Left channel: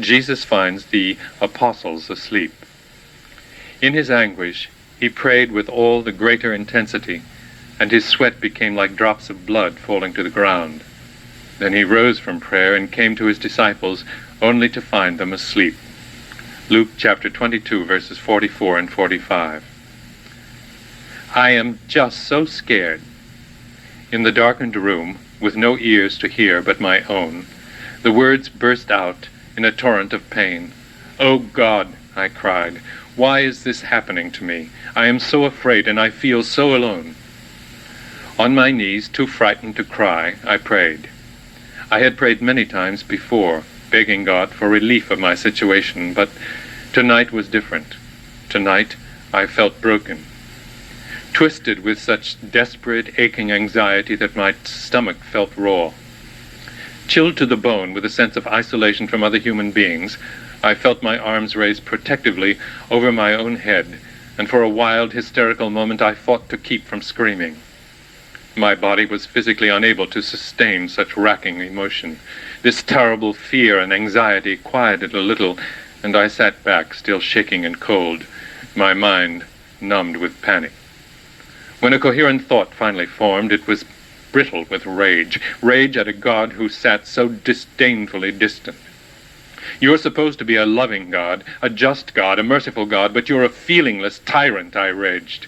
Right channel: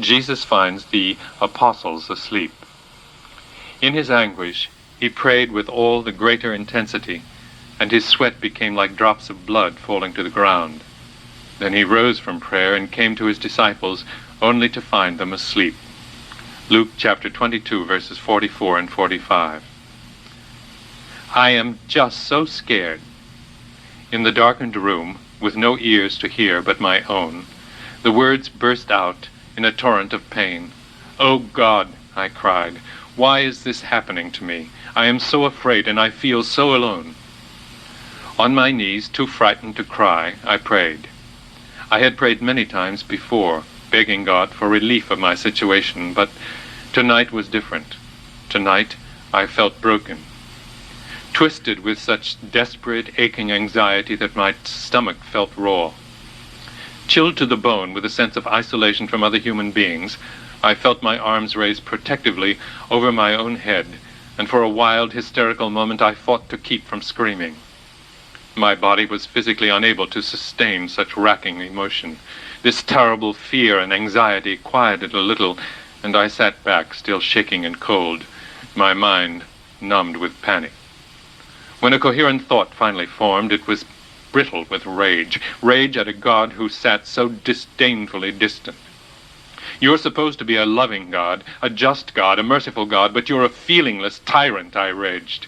Jesus finds the apostles asleep. In his anguish, he prayed with all the greater intensity, and his sweat became like drops of blood falling to the ground. Then he rose from prayer and came to his disciples, only to find them asleep. Luke chapter 22, verses 44 and 45. I am just so scared. In the darkened room, with no ears to hear but my own, the words burst out in a torrent of pain. "Oh God," I cried, "why is this happening to me? I am so afraid and I feel so alone." On my knees, too frightened to cry, I prayed. I had prayed many times before, begging God for relief of my situation, but tonight was different. Tonight I felt broken, twisted with such desperate, aching anxiety that my stomach felt raw. Chilled to the bone with a sense of isolation from other human beings, I felt my arms raised protectively over my own head, and for a wild, hysterical moment I fought to keep from screaming. My body was physically unable to sustain such racking emotion. This terrible fear and anxiety quieted a little, and I sat back, still shaking and cold, my mind numbed with panic. When a coherent thought finally formed, it was brittle with rage at a God who sat so disdainfully distant. "You're supposed to be a loving God, a just God, a merciful God, but you're a feelingless tyrant," I raged.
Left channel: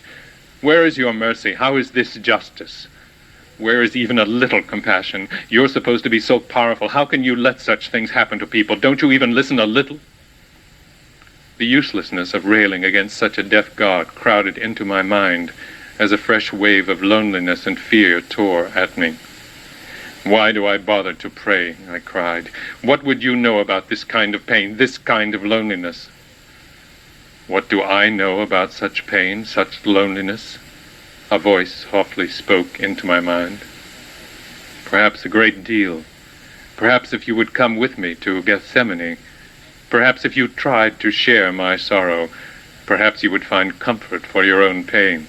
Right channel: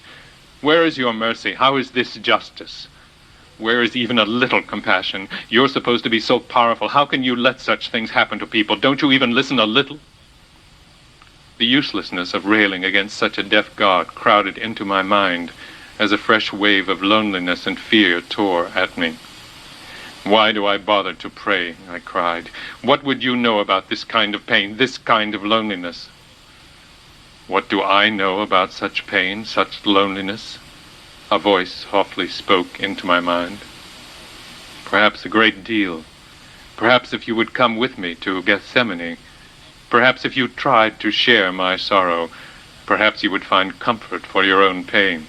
"Where is your mercy? How is this justice? Where is even a little compassion? You're supposed to be so powerful. How can you let such things happen to people? Don't you even listen a little?" The uselessness of railing against such a deaf God crowded into my mind as a fresh wave of loneliness and fear tore at me. "Why do I bother to pray?" I cried. "What would you know about this kind of pain, this kind of loneliness?" "What do I know about such pain, such loneliness?" A voice softly spoke into my mind. "Perhaps a great deal. Perhaps if you would come with me to Gethsemane, perhaps if you tried to share my sorrow, perhaps you would find comfort for your own pain."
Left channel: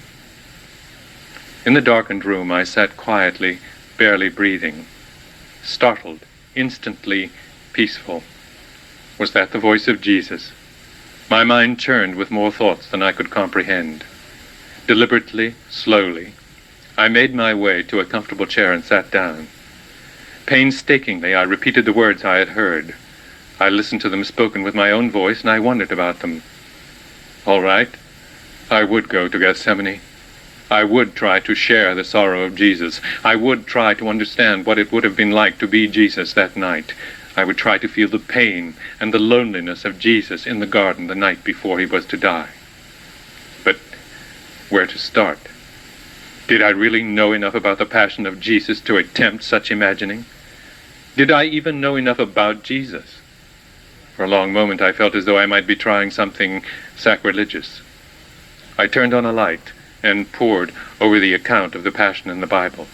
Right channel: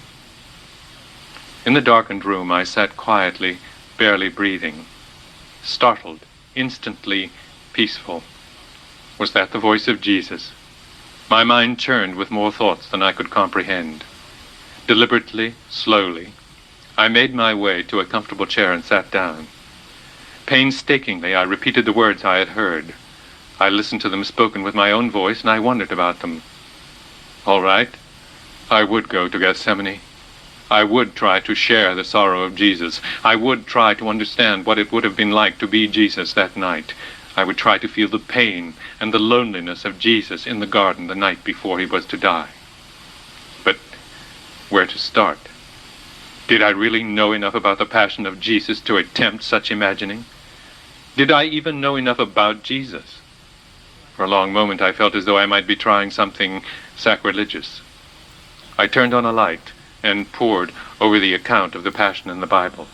In the darkened room I sat quietly, barely breathing, startled, instantly peaceful. Was that the voice of Jesus? My mind churned with more thoughts than I could comprehend. Deliberately, slowly, I made my way to a comfortable chair and sat down. Painstakingly, I repeated the words I had heard. I listened to them spoken with my own voice, and I wondered about them. All right, I would go to Gethsemane. I would try to share the sorrow of Jesus. I would try to understand what it would have been like to be Jesus that night. I would try to feel the pain and the loneliness of Jesus in the garden the night before he was to die. But where to start? Did I really know enough about the passion of Jesus to attempt such imagining? Did I even know enough about Jesus? For a long moment I felt as though I might be trying something sacrilegious. I turned on a light and pored over the account of the Passion in the Bible.